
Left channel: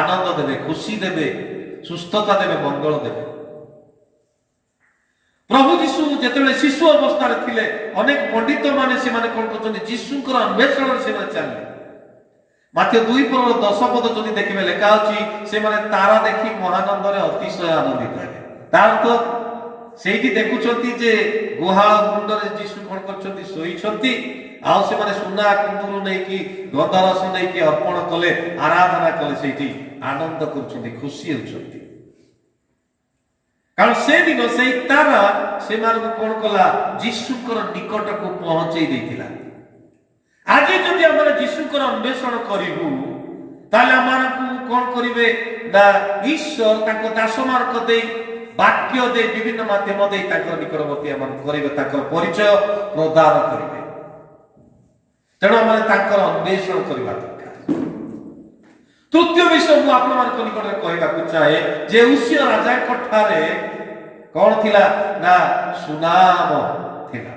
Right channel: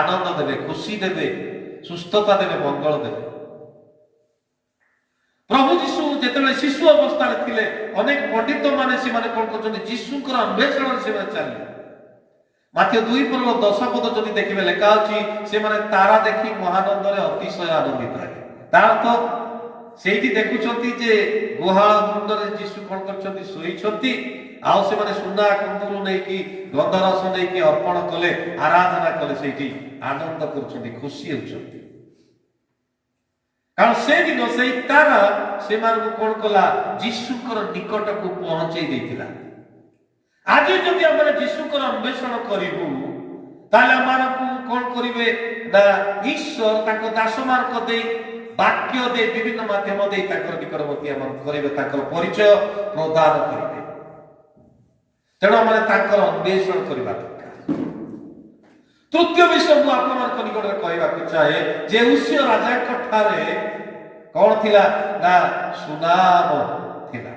आनंद देबे खुशी देबे सुस्थता देबे मंगल देबे। प्रभु यीशु जेतेबेले शिशु अवस्था रे थिले अनेक पंडित माने से माने कोन करछन्ती यीशुकर अन्वेषण से माने चली माथ्यू 2:10 पद जदि देखिबे लेखा अछि से माने तारा देखि महानंद रे अतिशय आनंदित हेले तार तो ସେଇଠି ଦେଖୁଛନ୍ତି ଯେ ଗୁହାଳ କୁଣ୍ଡରେ ଯୀଶୁ କଣ କରିଛନ୍ତି, ଶୋଇଛନ୍ତି। ଆଉ ସେମାନେ ସୁନା କୁଣ୍ଡୁରୁ ନେଇକି ଗନ୍ଧରସ ନେଇକି ଅର୍ପଣ କଲେ, ଆରାଧନା କଲେ, ସେଇଠି ଆନନ୍ଦ କରୁଛନ୍ତି, ଖୁସି ହେଉଛନ୍ତି। କାରଣ ସେଦିନ ସେଇ ତାରା ସେମାନଙ୍କୁ କଣ କଲା, ଯୀଶୁଙ୍କର ନିକଟକୁ ପହଞ୍ଚେଇ ଦେଇଥିଲା। ଆଜି ଯଦି ଆମେ ଯୀଶୁଙ୍କର ଅନ୍ୱେଷଣ କରିବୁ, ତାହେଲେ ଆମମାନଙ୍କୁ କଣ କରିବେ ନା, ଈଶ୍ୱର ତାଙ୍କ ଦାସମାନଙ୍କ ଦେଇ, ବାକ୍ୟ ଦେଇ, ବିଭିନ୍ନ ମାଧ୍ୟମ ଦେଇ ତାଙ୍କର ନିକଟବର୍ତ୍ତୀ ଏମାନଙ୍କୁ କରିବେ, ତାଙ୍କର ପରିଚୟ ପ୍ରଦାନ କରିବେ। ତେଣୁ ଆମେ ତାଙ୍କର ଅନ୍ୱେଷଣ କରିବା ଦରକାର। ତୃତୀୟ ବିଷୟ ମୁଁ ଆପଣମାନଙ୍କ ନିକଟରେ କହିବାକୁ ଚାହେଁ ଯେ ଉସିୟ ରାଜାଙ୍କ ଠାରେ କଣ ଥିଲା ନା, ସୁନାମ ଥିଲା।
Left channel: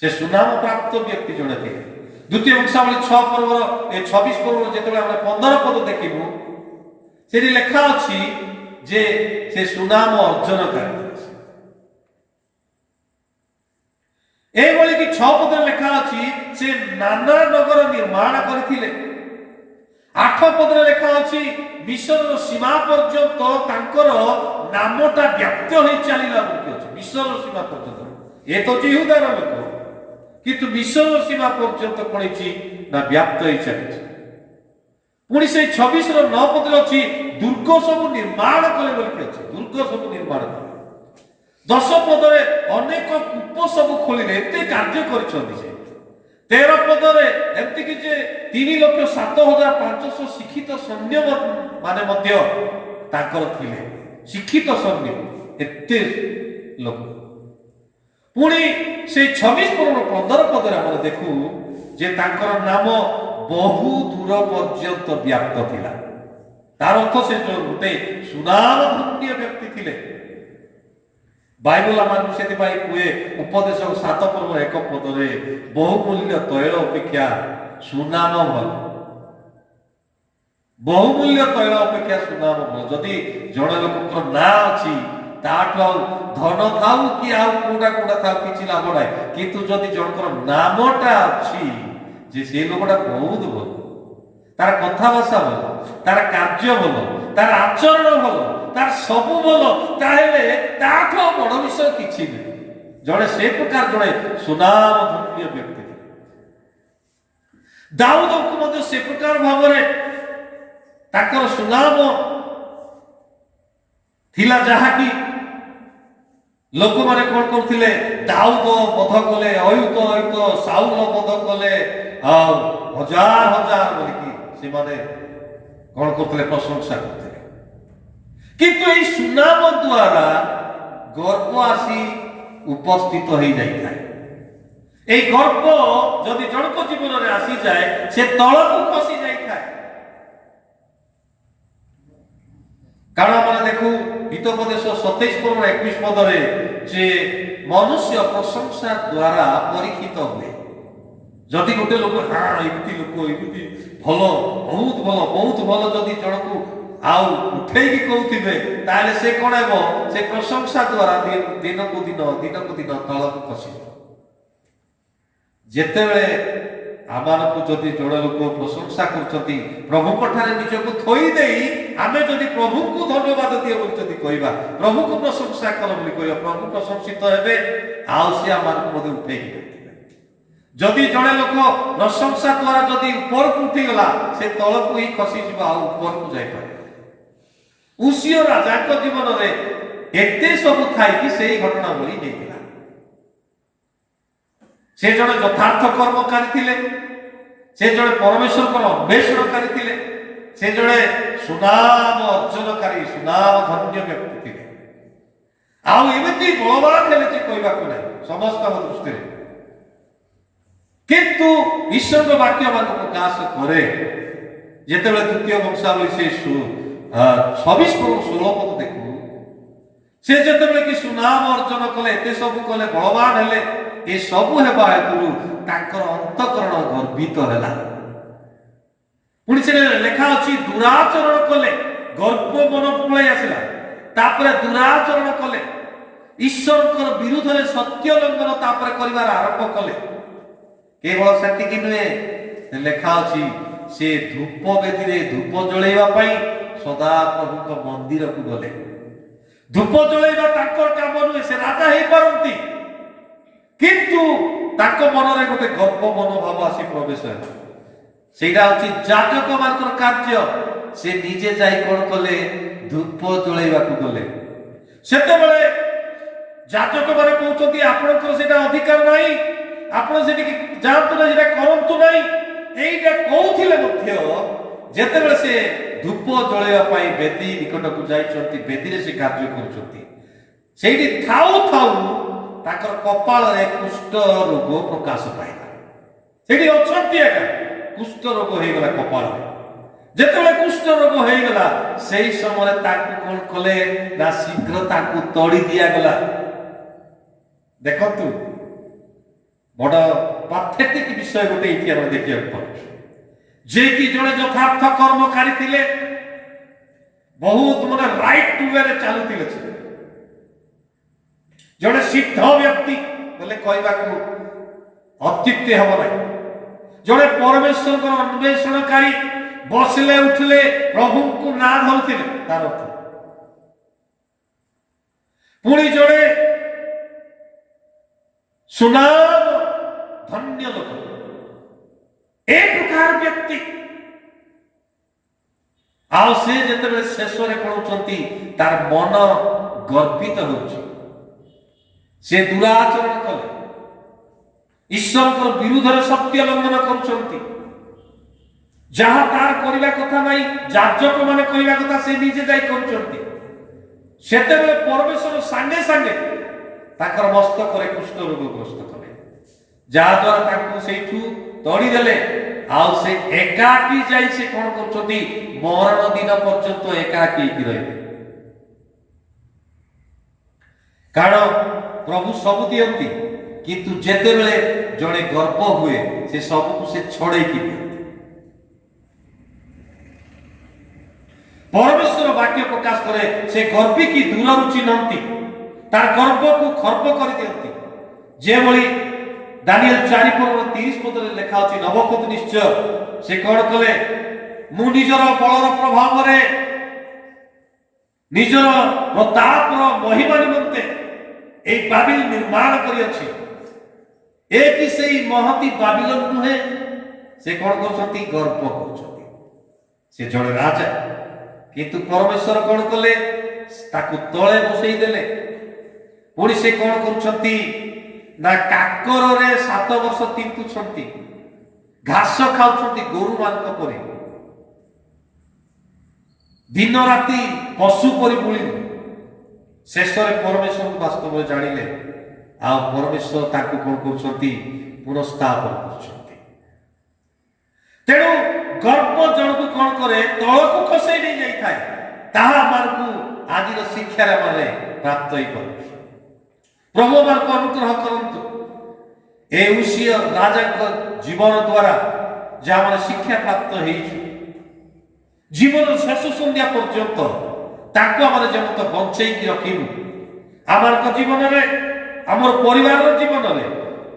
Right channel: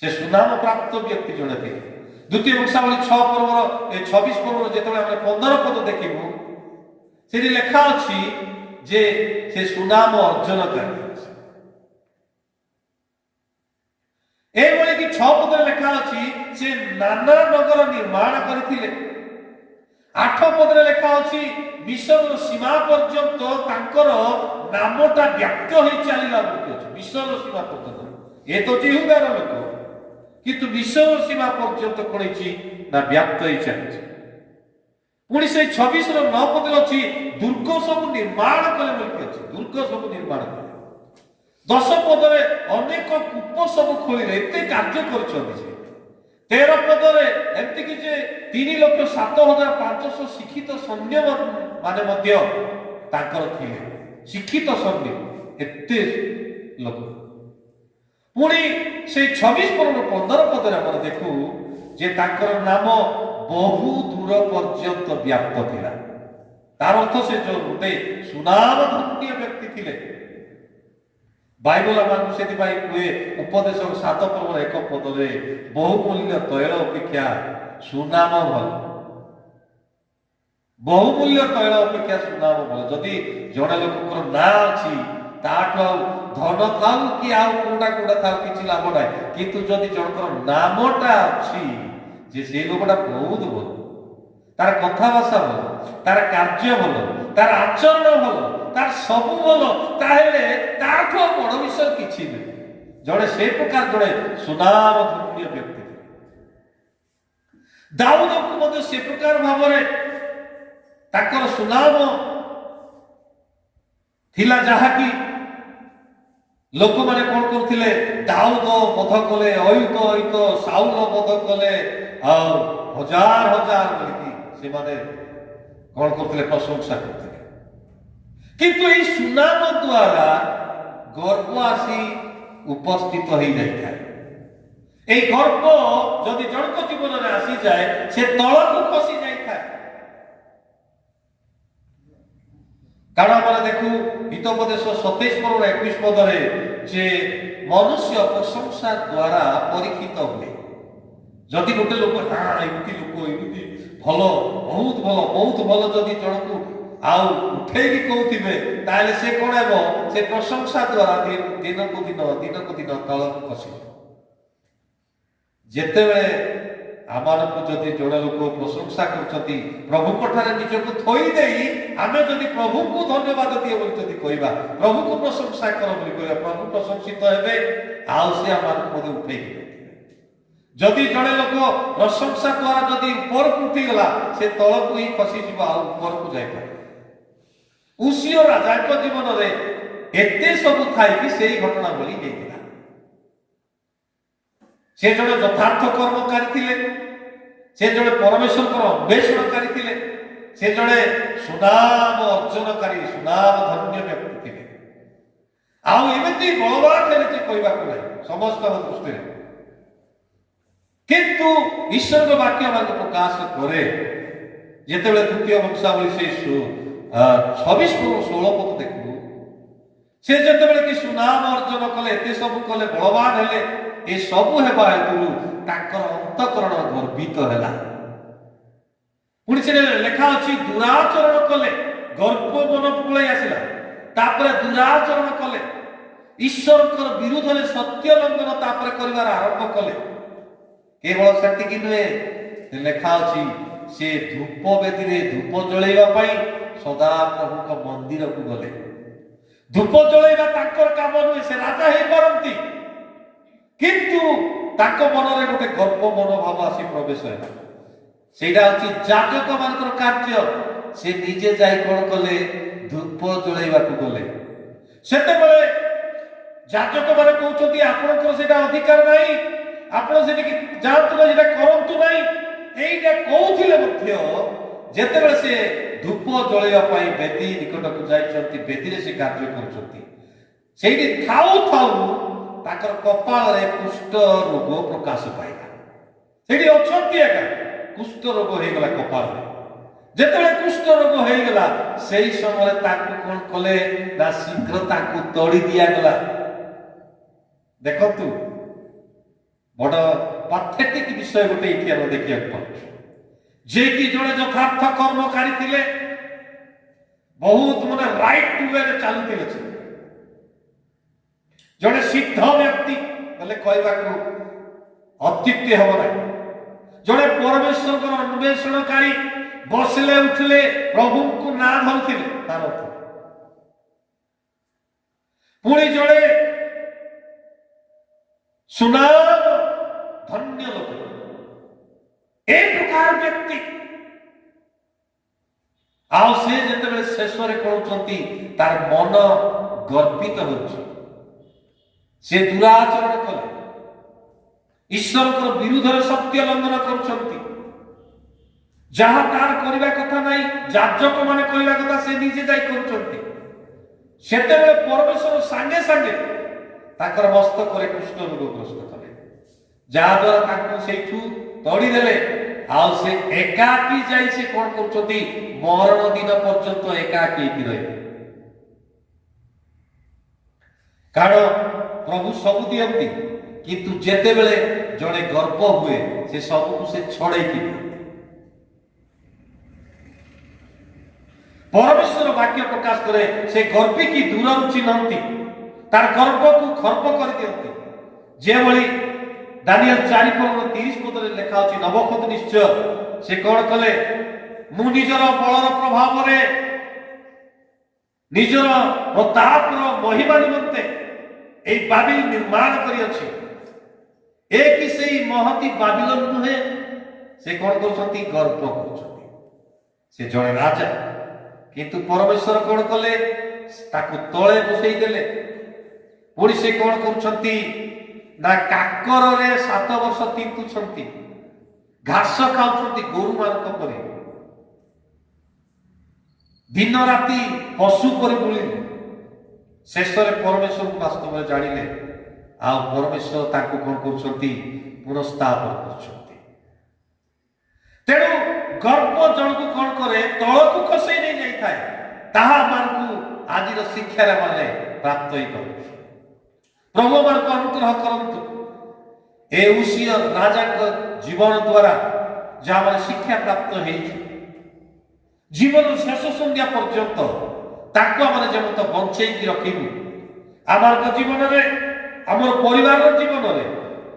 ସେ ସୁନାମ ପ୍ରାପ୍ତ ବ୍ୟକ୍ତି ଜଣେ ଥିଲେ। ଦ୍ୱିତୀୟ ବଂଶାବଳୀ 6 ପର୍ବର 26 ପର୍ବର ଯେତେବେଳେ ଆମେ 15 ପଦ ଦେଖିବୁ, ସେଠି ଲେଖା ଅଛି ଯେ ସେ ସୁନାମ ଅର୍ଜନ କରେ। ଏଇଭଳି କି 6 ପଦରେ ଲେଖା ଅଛି ସେ ନାନା ନଗର ନିର୍ମାଣ କରିଥିଲେ। 8 ପଦରେ ଲେଖା ଅଛି ମିଶରର ସୀମା ପର୍ଯ୍ୟନ୍ତ ତାଙ୍କର ନାମଟା ବ୍ୟାପ୍ତ ହୋଇ ଚାଲିଲା ବୋଲି ଅଛି। ମିଶରର ସୀମା ପର୍ଯ୍ୟନ୍ତ, ଏ ତ ଜିହୁଦାର ଲୋକ, କିନ୍ତୁ ମିଶରର ସୀମା ପର୍ଯ୍ୟନ୍ତ କଣ ହେଇଛି ନା, ବ୍ୟାପ୍ତ ହୋଇ ଚାଲିଛି। ପୁଣି ସେଇ 26ର 9 ପଦରେ ଅଛି ଦୁର୍ଗ ସବୁ ନିର୍ମାଣ କଲେ ବୋଲି ଅଛି। ଦୁର୍ଗ ସବୁ ନିର୍ମାଣ କଲେ। 10 ପଦରେ ଅନେକ କୂପ ସବୁ ଖୋଳିଲେ, ଏତେ କାର୍ଯ୍ୟ କରିଛନ୍ତି ସେ। 13 ପଦରେ ଏମିତିକି ଯେ 3,07,500 ଶିକ୍ଷିତ ସୈନ୍ୟ ମାନେ ମଧ୍ୟ ତାଙ୍କର ଥିଲେ। ଶିକ୍ଷିତ ସୈନ୍ୟ ଏତେ ଲୋକ। ପୁଣି ସେଇ 26 ପର୍ବର 15 ପଦରେ ଆମେ ଦେଖୁ ଯେ ତାଙ୍କର ନାମ ବହୁ ଦୂର ପର୍ଯ୍ୟନ୍ତ ବ୍ୟାପ୍ତ ଥିଲା। ତାର ଅର୍ଥ ସେ ଗୋଟେ ସୁନାମ ଧନ୍ୟ ବ୍ୟକ୍ତି ଥିଲେ। ବାଇବଲ ଆମକୁ ସେଥିପାଇଁ କୁହେ, ଉପଦେଶ 7 ପର୍ବ 1 ପଦରେ, ବହୁମୂଲ୍ୟ ତୈଳ ଅପେକ୍ଷା ସୁନାମ ଭଲ। ବହୁମୂଲ୍ୟ ତୈଳ ଅପେକ୍ଷା ସୁନାମ ଭଲ। ଯଦି ଜଣେ ଲୋକଙ୍କର ନାଁ ଅଛି, ତାଠୁ ଆଉ ଧନ ଥାଉ କି ଆଉ କୋଉଟା ଥାଉ କିଛି ଲାଭ ନାହିଁ, କିନ୍ତୁ ଯଦି ଜଣଙ୍କର ନାମଟା ଅଛି ଯେ ସେ ଲୋକଟା ବହୁତ ଭଲ, ତାର କଥାଭାଷା ଭଲ, ତାର କାର୍ଯ୍ୟ ଭଲ, ତାର ଆଚରଣ ଭଲ, ତାର ସବୁ ଭଲ, ତାହେଲେ ତାଠୁ ବଡ ବିଷୟ କିଛି ନୁହେଁ। ଜଣେ ସେ ପ୍ରକାର ଜଣେ ସୁନାମ ଧନ୍ୟ ବ୍ୟକ୍ତି। ଦାଉଦଙ୍କୁ ମଧ୍ୟ ସେ ପ୍ରକାର ଭାବରେ ତାଙ୍କର ସୁନାମ ଥିଲା, ଯାହାକି ଲୋକମାନେ କଣ କରୁଥିଲେ, ଦାଉଦ ବଧ କଲେ, ଅୟୁତ ସାଉଲ ବଧ କଲେ, ଆଉ ହଜାର ହଜାର ବୋଲିକି ସେମାନେ କଣ କରୁଥିଲେ, ପ୍ରଶଂସା କରୁଥିଲେ। କିନ୍ତୁ ଏହି ସୁନାମ ଦ୍ୱାରା ଗର୍ବ ଆସି ଉପସ୍ଥିତ ହେଇଯାଇଥାଏ। এই গর্ব যদি জনক জীবନରେ আসিଯାଏ ସେ ତଳକୁ ଖସି ଯାଇଥାଏ। କାରଣ ଆମେ ଦେଖୁ ହିତୋପଦେଶ 27 ପର୍ବର 21 ପଦରେ ଯେ ମନୁଷ୍ୟ ପ୍ରଶଂସା ଦ୍ୱାରା ପରୀକ୍ଷିତ ହୁଏ। ଯଦି ଗୋଟେ ଲୋକ ଏମିତି ଲୋକ ଏମିତି ଭଲ, ବହୁତ ଭଲ ଯଦି ଜଣକୁ ଆଉ ଉଠେଇକି କହୁଥିବେ, ତାହେଲେ ସେ କଣ ହେବ, ସେ ପ୍ରଶଂସା ଦ୍ୱାରା ଦିନକୁ ଦିନ ତଳକୁ ଖସିବ। ଯେତେବେଳେ ଆମମାନଙ୍କୁ ଯଦି ଜଣେ ଲୋକ ପ୍ରଶଂସା କରୁଛନ୍ତି, ପ୍ରଭୁଙ୍କ ଠାରେ ନିଜକୁ ଥୋଇ ଦେଇ ଆମେ ଯଦି ପ୍ରଭୁଙ୍କୁ ଧନ୍ୟବାଦ ଦିଅ ବୋଲି ଯଦି କହିବା, ପ୍ରଭୁଙ୍କୁ ପ୍ରଶଂସା କର ବୋଲି କହିବା, ପ୍ରଭୁ ପ୍ରଶଂସିତ ହେବେ, ଆଉ ସେ ଆମମାନଙ୍କୁ ମଧ୍ୟ ଉଠେଇକି ରଖିବେ। ଯଦି ଜଣେ ଲୋକ ପ୍ରଶଂସା ଦ୍ୱାରା ଯଦି ଉପରକୁ ଉଠିଗଲା, ସେ ତଳକୁ ହିଁ ଖସିଯିବ, ଆଉ ଉପରକୁ ଯାଇପାରେ। ଉସିୟ ରାଜାଙ୍କ ଜୀବନରେ ଏତେ ସବୁ ଥାଇକି ସେଇ ଘଟଣା ଭଳି ହେଇଥିଲା। ସେ ଜଣେ ଯଥାର୍ଥ କର୍ମକାରୀ ଥିଲେ, ସେ ଜଣେ ପରମେଶ୍ୱରଙ୍କର ଅନ୍ୱେଷଣକାରୀ ଥିଲେ, ସେ ଜଣେ ସୁନାମ ଅର୍ଜନକାରୀ, ସୁନାମ ଧନ୍ୟ ବ୍ୟକ୍ତି ଥିଲେ। ଆଉ ଏମିତି ବଳବାନ ହେଲେ ଯେ କହିବାକୁ ନାହିଁ ସମସ୍ତଙ୍କ ଦୃଷ୍ଟିରେ। କିନ୍ତୁ ଈଶ୍ୱରଙ୍କ ବାକ୍ୟ ମାନଙ୍କୁ ପ୍ରକାଶ କରେ, ଯେତେବେଳେ ତୃତୀୟ ବଂଶାବଳୀ ସେ 26-16 ପଦ ଦେଖୁ, ସେ ଯେତେବେଳେ କି ସୁନାମ ଅର୍ଜନ କଲେ, ଏତେ ସବୁ କଲେ, ବଳବାନ ହେଲେ, ଏ ସବୁ ହେବା ହେତୁରୁ ତାଙ୍କର ଅନ୍ତଃକରଣ ଗର୍ବିତ ହେଲା। ପୁଣି ସେ ଲେଖା ଅଛି ଦୁରାଚରଣ କଲେ, ଗର୍ବ ମନ ପଳେଇ ଆସିଲା, ତାପରେ ଦୁରାଚରଣ କଲେ, ଈଶ୍ୱରଙ୍କର ବିରୁଦ୍ଧରେ ସତ୍ୟ ଲଙ୍ଘନ ତାପରେ କରିବାର ଆରମ୍ଭ କଲେ। କେବଳ ସେତିକି ନୁହେଁ, ଲେଖା ଅଛି ସେ ଧୂପ ବେଦୀରେ ଧୂପ ଜଳେଇବା ପାଇଁ ସଦାପ୍ରଭୁଙ୍କ ମନ୍ଦିରକୁ ଗଲେ। ଧୂପ ଜଳେଇବା ତାଙ୍କର କାମ ନୁହେଁ, ସେ ରାଜା ହେଇପାରନ୍ତି, କିନ୍ତୁ ତାଙ୍କ ମନରେ ଗୋଟେ ଗର୍ବ ମନୋଭାବ ଆସି ପ୍ରବେଶ ହେଲା। ସେଇଟା ହଉଛି ଯାଜକ ମାନଙ୍କର କାର୍ଯ୍ୟ। ସେ ନିଜେ ଯାଇ କଣ କଲେ? ଧୂପ ଜଳେଇବାକୁ ଗଲେ। ସେତେବେଳେ ଯାଜକ ମାନେ କହୁଛନ୍ତି ଆପଣଙ୍କର ସେଇଟା ଅଧିକାର ନାହିଁ, ଆପଣ ସେଠିକି ଯାଆନ୍ତୁ ନା, ସେଇଟା କରନ୍ତୁ ନାହିଁ। ଏଇଟା କହୁଥିଲେ ମଧ୍ୟ ଯେତେବେଳେ ସେ ଧୂପ ଜଳେଇବା ପାଇଁ ବେଦୀ ନିକଟକୁ ଯାଇଛନ୍ତି, ବେଦୀରେ ସେ କାର୍ଯ୍ୟ କରୁଛନ୍ତି, ସେଇଠି ଥାଉ ଥାଉ ତାଙ୍କର କପାଳରେ କୁଷ୍ଠ ରୋଗ ପ୍ରକାଶ ପାଇଲା। ସେଇଠି ଅଛନ୍ତି ଆଜ୍ଞା, କୁଷ୍ଠ ରୋଗ ହେଇଗଲା କପାଳରେ। ଯେତେବେଳେ କୁଷ୍ଠ ରୋଗ ହେଇଗଲା, ସେଇ ସମୟରେ ତାଙ୍କୁ କଣ କଲେ ନା ଶୀଘ୍ର ତାଙ୍କୁ ତଡ଼ି ଦିଆଗଲା। ଦେଖନ୍ତୁ, ବଡ଼ ପାଥେଟିକ ବିଷୟ ଗୋଟେ ଏଇଠି ଆମେ ଦେଖିବାକୁ ପାଉଛୁ, ଯେ କି ଜଣେ ଯଥାର୍ଥ କର୍ମକାରୀ ଥିଲେ, ବହୁତ ରାଇଟ ୱେରେ ଚାଲୁଥିଲେ, ଜଣେ ସିଦ୍ଧ ବ୍ୟକ୍ତି ବୋଲେ କହିବାକୁ ଅତ୍ୟୁକ୍ତି ହେବ ନାହିଁ, ଜଣେ ପରମେଶ୍ୱରଙ୍କର ଅନ୍ୱେଷଣକାରୀ, ବସିଲେ ଉଠିଲେ ପ୍ରଭୁଙ୍କୁ ନାଁ ଧରୁଥିଲେ ତାର ଅର୍ଥ। ପୁଣି ଜଣେ ସୁନାମ ଧନ୍ୟ ଲୋକ, ଏ ପ୍ରକାର ବ୍ୟକ୍ତି। ଆଉ ସେ ଯେତେବେଳେ ଶେଷରେ କହୁଛନ୍ତି ତାର ମନ ଗର୍ବିତ ହେଉଛି, ସେ ଦୁରାଚରଣ କଲେ, ଈଶ୍ୱରଙ୍କର ବିରୁଦ୍ଧରେ ସତ୍ୟ ଲଙ୍ଘନ କରୁଛନ୍ତି, ଯାହା ତାର କରିବା କଥା ନାହିଁ, ଯାଜକ ମାନେ କରିବା କଥା ସେ ନିଜେ ଯାଇ କରୁଛନ୍ତି। ସେତେବେଳେ ପରମେଶ୍ୱର ସାଙ୍ଗେ ସାଙ୍ଗେ ତାଙ୍କର ମସ୍ତକରେ କୁଷ୍ଠ ରୋଗଗ୍ରସ୍ତ କଲେ, ଯାହାଦ୍ୱାରା ତାଙ୍କୁ ସେଇଠୁ ତଡ଼ିଦେଲେ। ଆଉ ସେ ଏକାକୀ ଯାଇ ସେ କଣ କରୁଛନ୍ତି? ମରଣ ଦିନ ପର୍ଯ୍ୟନ୍ତ ଏକାକୀ ହେଇକି ରହିଲେ। କାରଣ ପ୍ରଭୁ ସବୁ ଦିଅନ୍ତି, କିନ୍ତୁ ଯେତେବେଳେ ଜଣେ ଗର୍ବ ହୁଏ, ସେ ସବୁକୁ ସେ ଛଡେଇକି ଦିଅନ୍ତି। ପରମେଶ୍ୱର ବାକ୍ୟ ପ୍ରକାଶ କରେ, ସେ ଗର୍ବି କି ଦୂରରୁ ଚିହ୍ନନ୍ତି, ତାର ଗର୍ବକୁ ଖର୍ବ କରିଦିଅନ୍ତି। ଯେଭଳି ଦାନିଏଲ 4:30 ପଦରେ ଲେଖା ଅଛି, ନବୋଖତ ନିଶ୍ଚୟ ସେ କଣ କଲେ? ମୁଁ ନିଜର ବଳର ପ୍ରଭାବରେ, ନିଜର ପ୍ରତାପର ମହିମା ନିମନ୍ତେ এই ବାବିଲ ନିର୍ମାଣ କରିଅଛି। ଏ କି ସେଇ ମହତି ବାବିଲୋନ ନୁହେଁ? ସେ କଣ କରୁଛନ୍ତି? ଗର୍ବ କରୁଛନ୍ତି। ସେ ଜଣେ ରାଜା, କିନ୍ତୁ ପରମେଶ୍ୱର କଣ କଲେ? ତାକୁ ତଳେ ବସେଇ ଦେଲେ। ପୁଣି ସେ କଣ କରୁଛନ୍ତି ନା କାକରରେ 7 ବର୍ଷ ତିନ୍ତୁଛନ୍ତି, ଘାସ ଖାଉଛନ୍ତି ଗୋରୁମାନଙ୍କ ପରି, ଦିନ ରାତି ପଶୁ ପରି ବୁଲିଲେ। ଶେଷରେ ପରମେଶ୍ୱରଙ୍କୁ ବାସ୍ତବରେ ଜାଣିଲେ, ଆଉ ପରମେଶ୍ୱର ତାଙ୍କୁ କଣ କରୁଛନ୍ତି? ପୁନଃସ୍ଥାପନ କରୁଛନ୍ତି। ତେଣୁ ଗର୍ବ ଜଣକୁ କଣ କରେ? ତଳକୁ ଖସେଇ ନେଇ ଯାଇଥାଏ। ତାହା ଆମକୁ ଆଜିର ଶିକ୍ଷାରେ ମାନେ ପ୍ରାପ୍ତ ହେଇପାରୁଛି। ପ୍ରଭୁ ଆମକୁ ଅନୁଗ୍ରହ କରନ୍ତୁ। ଏ ଉସିୟ ରାଜାଙ୍କ ଜୀବନ ଦ୍ୱାରା ଯାହା ଶିକ୍ଷା ପ୍ରାପ୍ତ ହେଇଛି, ଜୀବନର ଶେଷ ସନ୍ଧ୍ୟା ପର୍ଯ୍ୟନ୍ତ ତାକୁ ଆମେ ଯେମିତି ବଞ୍ଚେଇକି ରଖିବୁ, ଆମର ଜୀବନରେ, ଆମର ପରିବାରର ଜୀବନରେ,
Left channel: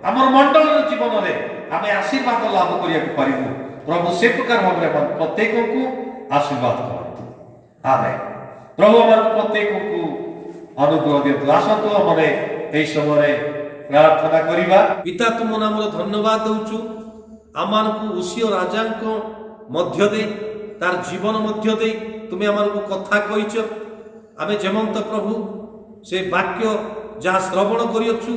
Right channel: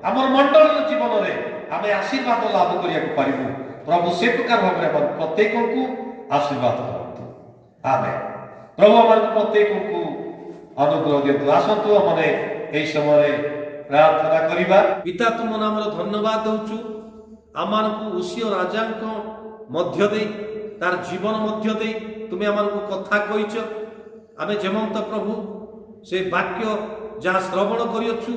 ଆମର ମଣ୍ଡଳର ଜୀବନରେ ଆମେ ଆଶୀର୍ବାଦ ଲାଭ କରିବାକୁ ପାରିବୁ। ପ୍ରଭୁ ସେ ପ୍ରକାର ଭାବରେ ପ୍ରତ୍ୟେକଙ୍କୁ ଆଶୀର୍ବାଦ କରନ୍ତୁ। ଆମେନ୍। ପ୍ରଭୁ ଆମକୁ ପ୍ରତ୍ୟେକଙ୍କୁ ଅନୁଗ୍ରହ ଦିଅନ୍ତୁ। ଆସନ୍ତୁ ଆମେ এই সময়ে ପ୍ରାର୍ଥନା କରିବା। ପିତା, ତୁମ ନାମର ଧନ୍ୟବାଦ ଦେଉଛୁ। ଆମମାନଙ୍କୁ ଉସିୟ ରାଜାଙ୍କ ମଧ୍ୟ ଦେଇ, ତାର ଜୀବନ ମଧ୍ୟ ଦେଇ ତୁମେ ଆମମାନଙ୍କୁ କଥା କହିଛ। ଆମେ ଯେମନ୍ତ ପ୍ରଭୁ ସେ ବାକ୍ୟ ଯାହା ଶ୍ରବଣ କରିଅଛୁ,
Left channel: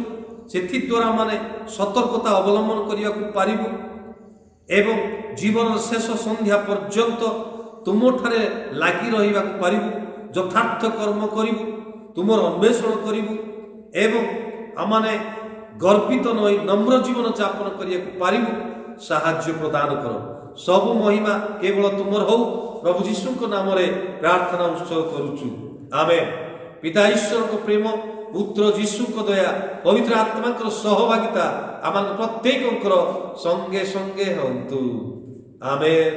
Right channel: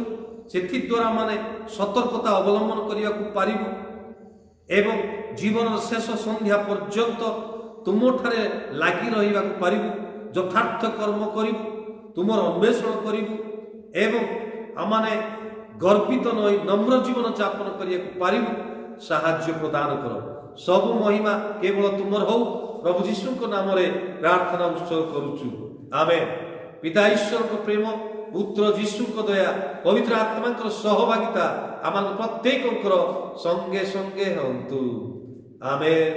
ସେଥିଦ୍ୱାରା ମାନେ ସତର୍କତା ଅବଲମ୍ବନ କରିବାକୁ ପାରିବୁ ଏବଂ ଜୀବନର ଶେଷ ସନ୍ଧ୍ୟା ପର୍ଯ୍ୟନ୍ତ ତୁମଠାରେ ଲାଗି ରହିବାକୁ ପାରିବୁ, ଯଥାର୍ଥ କର୍ମ କରିବୁ, ତୁମର ଅନ୍ୱେଷଣ କରିବୁ ଏବଂ ଆମମାନେ ଗର୍ବିତ ନହୋଇ ନମ୍ର ଜୀବନ ଯାପନ କରିବାକୁ ପାରିବୁ। ସାହାଯ୍ୟ ପ୍ରଦାନ କର। ସବୁ ମହିମା କେବଳ ତୁମର ହଉ। ପ୍ରଭୁ ଯୀଶୁଙ୍କ ନାମରେ ପ୍ରାର୍ଥନା ଉତ୍ସର୍ଗ କରୁଛୁ। ଆମେନ୍। ପିତା ଈଶ୍ୱରଙ୍କ ପ୍ରେମ, ପୁତ୍ର ଯୀଶୁଙ୍କ ଦୟା, ପବିତ୍ର ଆତ୍ମାଙ୍କର ସହଭାଗିତା ଆମ ପ୍ରତ୍ୟେକଙ୍କର ସଙ୍ଗେ ସଙ୍ଗେ ହନ୍ତୁ। ଆମେନ୍।